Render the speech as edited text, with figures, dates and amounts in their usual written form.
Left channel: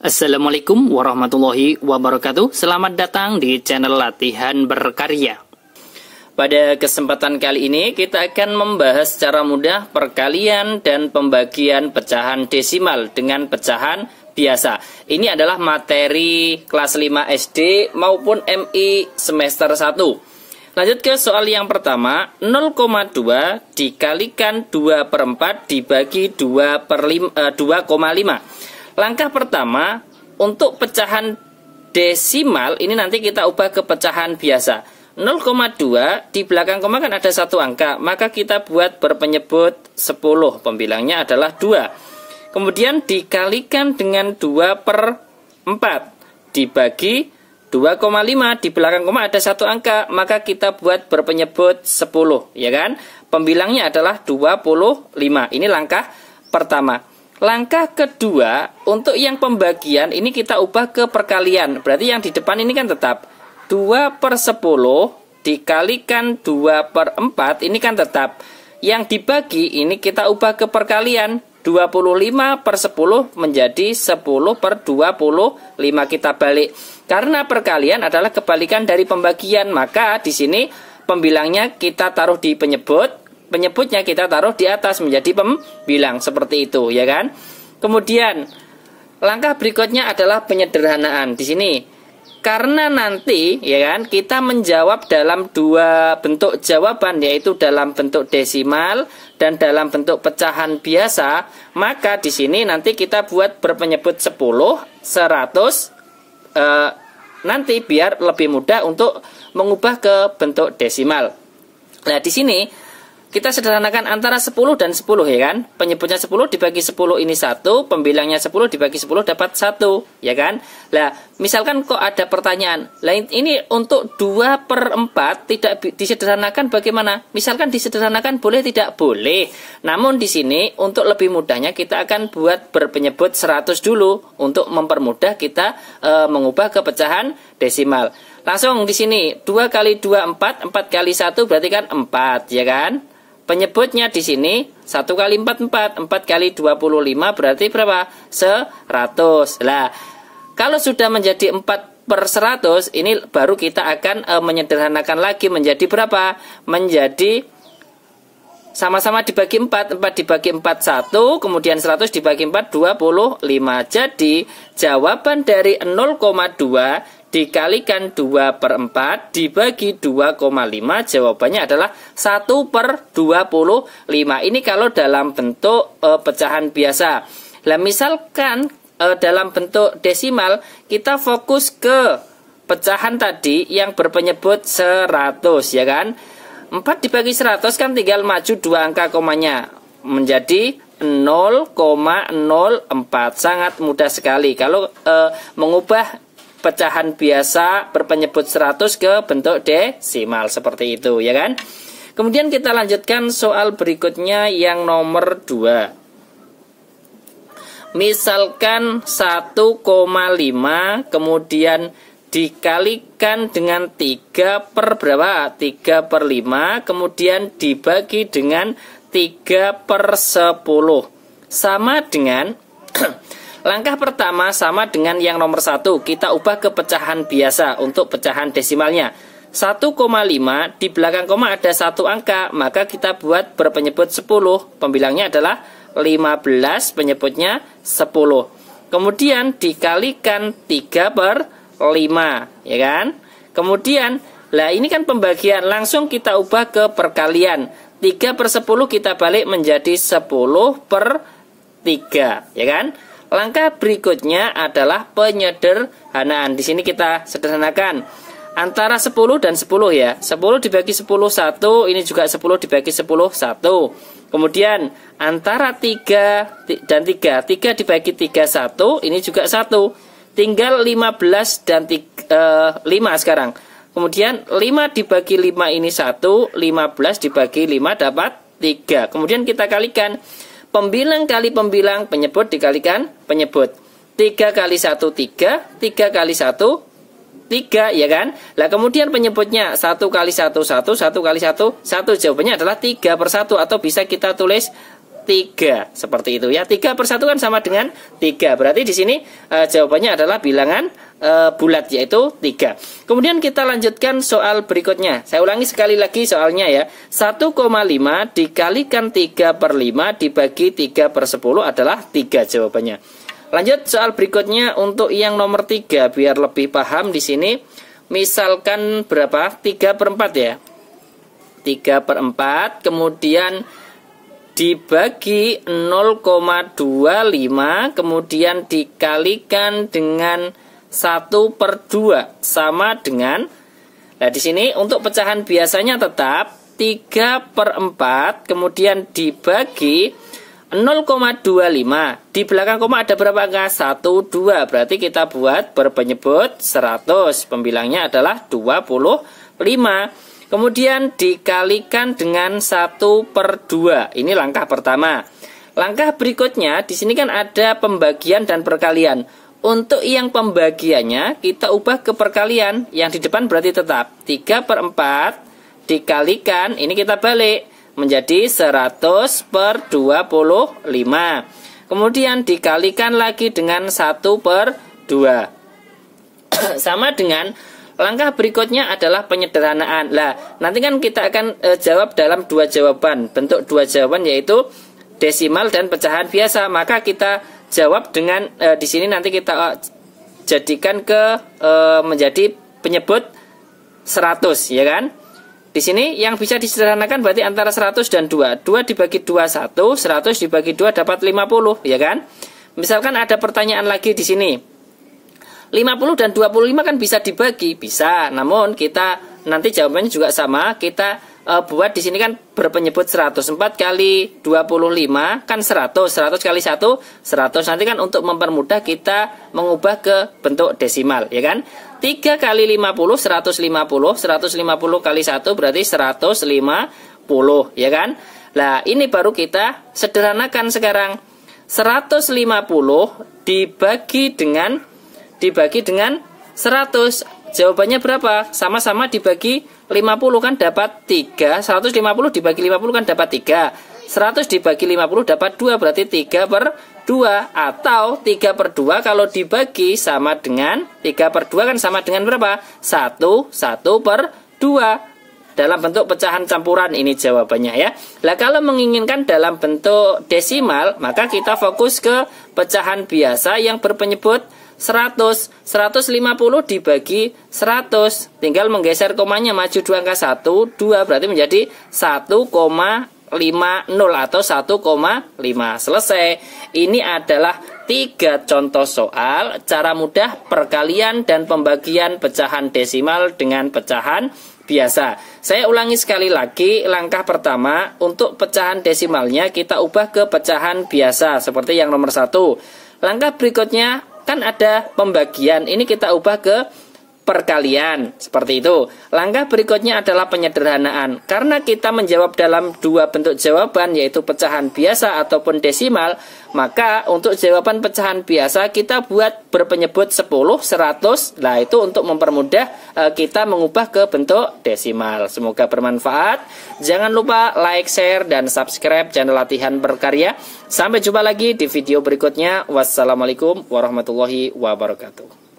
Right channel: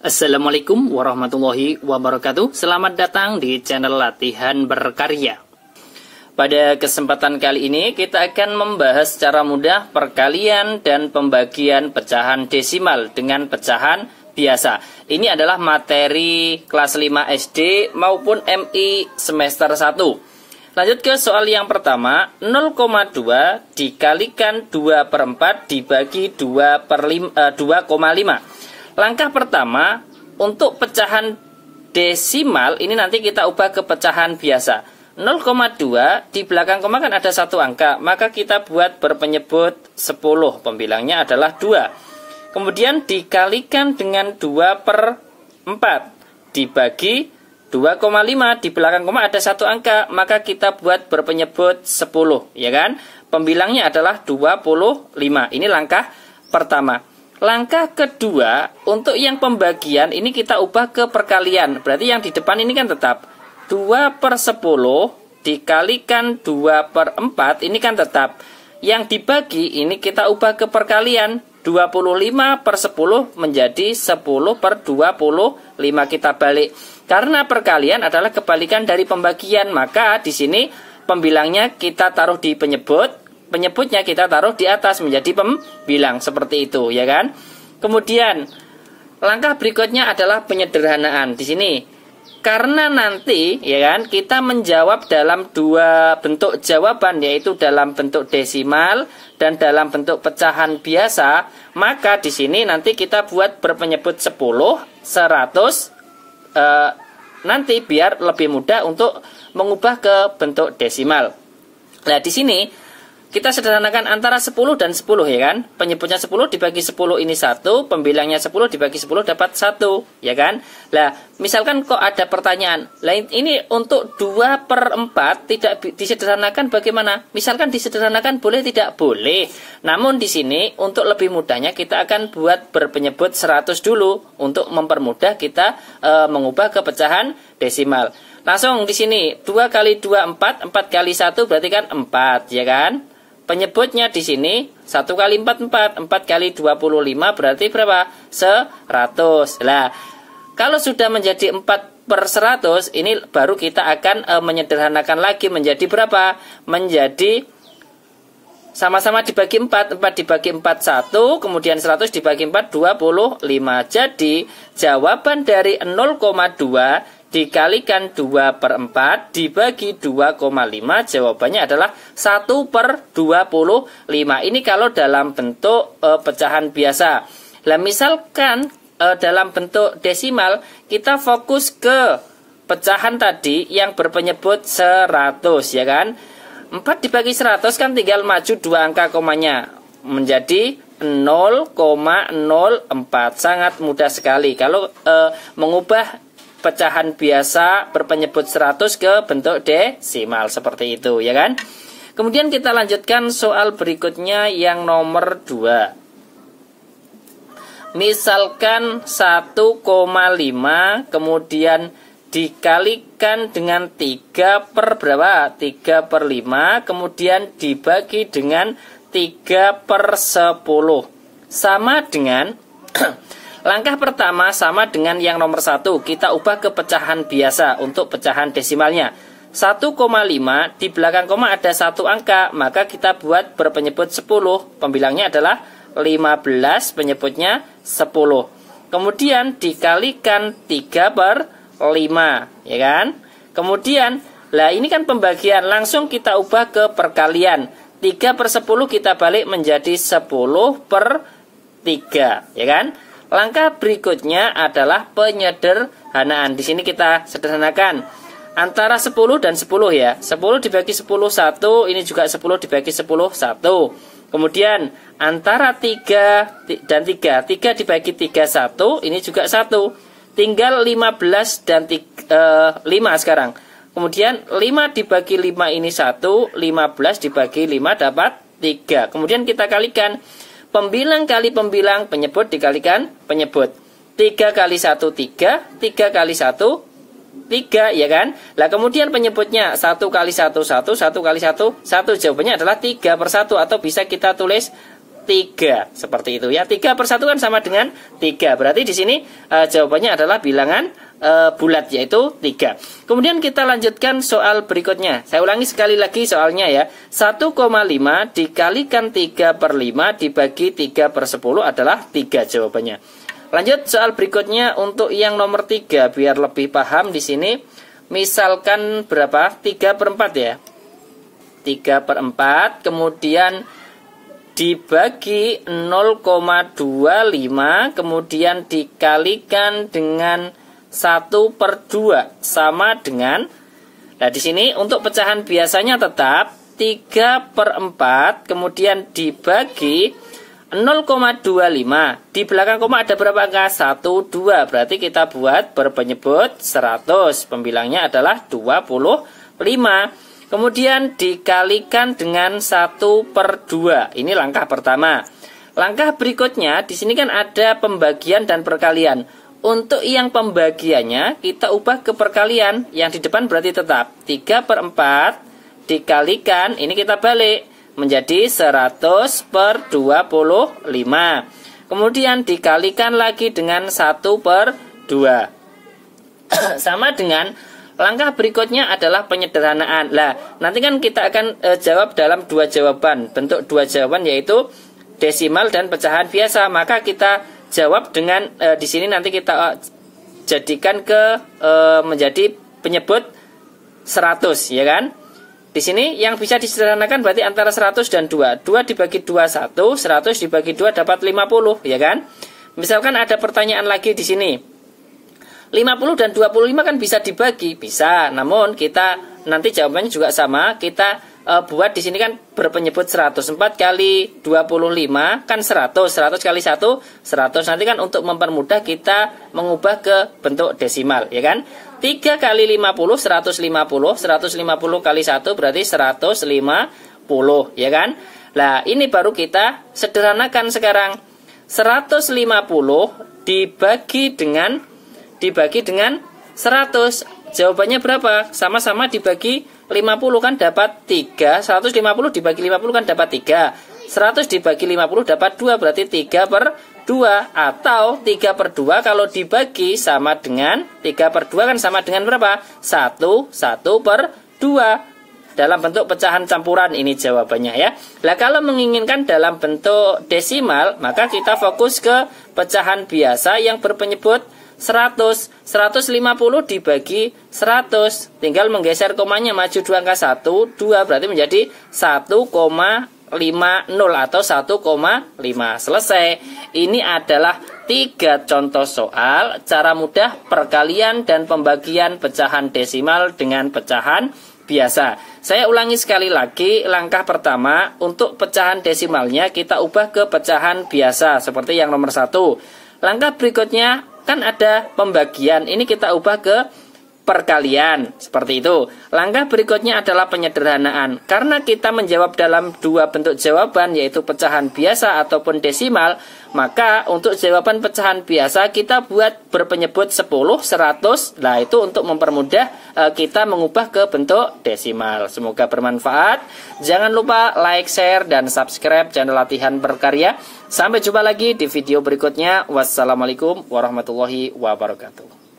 Assalamualaikum warahmatullahi wabarakatuh. Selamat datang di channel Latihan Berkarya. Pada kesempatan kali ini kita akan membahas secara mudah perkalian dan pembagian pecahan desimal dengan pecahan biasa. Ini adalah materi kelas 5 SD maupun MI semester 1. Lanjut ke soal yang pertama, 0,2 dikalikan 2/4 dibagi 2,5. Langkah pertama, untuk pecahan desimal ini nanti kita ubah ke pecahan biasa. 0,2 di belakang koma kan ada satu angka, maka kita buat berpenyebut 10, pembilangnya adalah 2. Kemudian dikalikan dengan 2/4 dibagi 2,5, di belakang koma ada satu angka, maka kita buat berpenyebut 10, ya kan? Pembilangnya adalah 25. Ini langkah pertama. Langkah kedua, untuk yang pembagian ini kita ubah ke perkalian. Berarti yang di depan ini kan tetap 2/10 dikalikan 2/4, ini kan tetap. Yang dibagi ini kita ubah ke perkalian. 25/10 menjadi 10/25, kita balik. Karena perkalian adalah kebalikan dari pembagian, maka di sini pembilangnya kita taruh di penyebutnya kita taruh di atas menjadi pembilang, seperti itu, ya kan? Kemudian langkah berikutnya adalah penyederhanaan. Di sini karena nanti, ya kan, kita menjawab dalam dua bentuk jawaban, yaitu dalam bentuk desimal dan dalam bentuk pecahan biasa, maka di sini nanti kita buat berpenyebut 10, 100 nanti biar lebih mudah untuk mengubah ke bentuk desimal. Nah, di sini kita sederhanakan antara 10 dan 10, ya kan? Penyebutnya 10 dibagi 10 ini 1, pembilangnya 10 dibagi 10 dapat 1, ya kan? Lah, misalkan kok ada pertanyaan, lain ini untuk 2/4 tidak disederhanakan bagaimana? Misalkan disederhanakan boleh tidak? Boleh. Namun di sini untuk lebih mudahnya kita akan buat berpenyebut 100 dulu untuk mempermudah kita mengubah ke pecahan desimal. Langsung di sini 2 kali 2 4, 4 kali 1 berarti kan 4, ya kan? Penyebutnya di sini 1 kali 4 4, 4 kali 25 berarti berapa? 100. Lah, kalau sudah menjadi 4/100, ini baru kita akan menyederhanakan lagi menjadi berapa? Menjadi sama-sama dibagi 4, 4 dibagi 4 1, kemudian 100 dibagi 4 25. Jadi jawaban dari 0,2 dikalikan 2/4 dibagi 2,5, jawabannya adalah 1/25. Ini kalau dalam bentuk pecahan biasa. Nah, misalkan dalam bentuk desimal, kita fokus ke pecahan tadi yang berpenyebut 100, ya kan? 4 dibagi 100 kan tinggal maju 2 angka komanya menjadi 0,04. Sangat mudah sekali kalau mengubah pecahan biasa berpenyebut 100 ke bentuk desimal, seperti itu, ya kan? Kemudian kita lanjutkan soal berikutnya yang nomor 2. Misalkan 1,5 kemudian dikalikan dengan 3 per berapa? 3/5 kemudian dibagi dengan 3/10. Sama dengan langkah pertama sama dengan yang nomor 1. Kita ubah ke pecahan biasa untuk pecahan desimalnya. 1,5 di belakang koma ada satu angka, maka kita buat berpenyebut 10. Pembilangnya adalah 15, penyebutnya 10. Kemudian dikalikan 3/5, ya kan? Kemudian, lah ini kan pembagian, langsung kita ubah ke perkalian. 3/10 kita balik menjadi 10/3, ya kan? Langkah berikutnya adalah penyederhanaan. Di sini kita sederhanakan antara 10 dan 10, ya. 10 dibagi 10 1, ini juga 10 dibagi 10 1. Kemudian antara 3 dan 3, 3 dibagi 3 1, ini juga 1. Tinggal 15 dan 5 sekarang. Kemudian 5 dibagi 5 ini 1, 15 dibagi 5 dapat 3. Kemudian kita kalikan. Pembilang kali pembilang, penyebut dikalikan penyebut. 3 kali 1 3, 3 kali 1 3, ya kan? Lah kemudian penyebutnya 1 kali 1 1, 1 kali 1 1, jawabannya adalah 3/1, atau bisa kita tulis 3. Seperti itu ya. 3 per 1 kan sama dengan 3. Berarti di sini jawabannya adalah bilangan bulat, yaitu 3. Kemudian kita lanjutkan soal berikutnya. Saya ulangi sekali lagi soalnya ya. 1,5 dikalikan 3 per 5 dibagi 3 per 10 adalah 3 jawabannya. Lanjut soal berikutnya untuk yang nomor 3 biar lebih paham di sini. Misalkan berapa? 3 per 4 ya. 3 per 4 kemudian dibagi 0,25 kemudian dikalikan dengan 1 per 2 sama dengan, nah di sini untuk pecahan biasanya tetap 3 per 4 kemudian dibagi 0,25. Di belakang koma ada berapa angka? 1, 2. Berarti kita buat berpenyebut 100. Pembilangnya adalah 25. Kemudian dikalikan dengan 1 per 2. Ini langkah pertama. Langkah berikutnya, di sini kan ada pembagian dan perkalian. Untuk yang pembagiannya, kita ubah ke perkalian. Yang di depan berarti tetap 3 per 4 dikalikan, ini kita balik, menjadi 100 per 25. Kemudian dikalikan lagi dengan 1 per 2. Sama dengan langkah berikutnya adalah penyederhanaan. Lah, nanti kan kita akan jawab dalam 2 jawaban. Bentuk 2 jawaban yaitu desimal dan pecahan biasa. Maka kita jawab dengan di sini nanti kita jadikan ke menjadi penyebut 100, ya kan? Di sini yang bisa disederhanakan berarti antara 100 dan 2. 2 dibagi 2 1, 100 dibagi 2 dapat 50, ya kan? Misalkan ada pertanyaan lagi di sini. 50 dan 25 kan bisa dibagi, bisa. Namun kita nanti jawabannya juga sama. Kita buat di sini kan berpenyebut 100. 4 kali 25 kan 100. 100 kali 1 100. Nanti kan untuk mempermudah kita mengubah ke bentuk desimal, ya kan? 3 kali 50 150. 150 kali 1 berarti 150, ya kan? Lah, ini baru kita sederhanakan sekarang. 150 dibagi dengan 100. Jawabannya berapa? Sama-sama dibagi 50 kan dapat 3. 150 dibagi 50 kan dapat 3. 100 dibagi 50 dapat 2. Berarti 3 per 2. Atau 3 per 2 kalau dibagi sama dengan 3 per 2 kan sama dengan berapa? 1 per 2. Dalam bentuk pecahan campuran ini jawabannya ya. Nah, kalau menginginkan dalam bentuk desimal, maka kita fokus ke pecahan biasa yang berpenyebut 100. 150 dibagi 100. Tinggal menggeser komanya maju 2 angka 1, 2 berarti menjadi 1,50 atau 1,5. Selesai. Ini adalah 3 contoh soal cara mudah perkalian dan pembagian pecahan desimal dengan pecahan biasa. Saya ulangi sekali lagi. Langkah pertama, untuk pecahan desimalnya kita ubah ke pecahan biasa seperti yang nomor 1. Langkah berikutnya kan ada pembagian, ini kita ubah ke perkalian, seperti itu. Langkah berikutnya adalah penyederhanaan. Karena kita menjawab dalam 2 bentuk jawaban, yaitu pecahan biasa ataupun desimal, maka untuk jawaban pecahan biasa kita buat berpenyebut 10, 100. Nah, itu untuk mempermudah kita mengubah ke bentuk desimal. Semoga bermanfaat. Jangan lupa like, share, dan subscribe channel Latihan Berkarya. Sampai jumpa lagi di video berikutnya. Wassalamualaikum warahmatullahi wabarakatuh.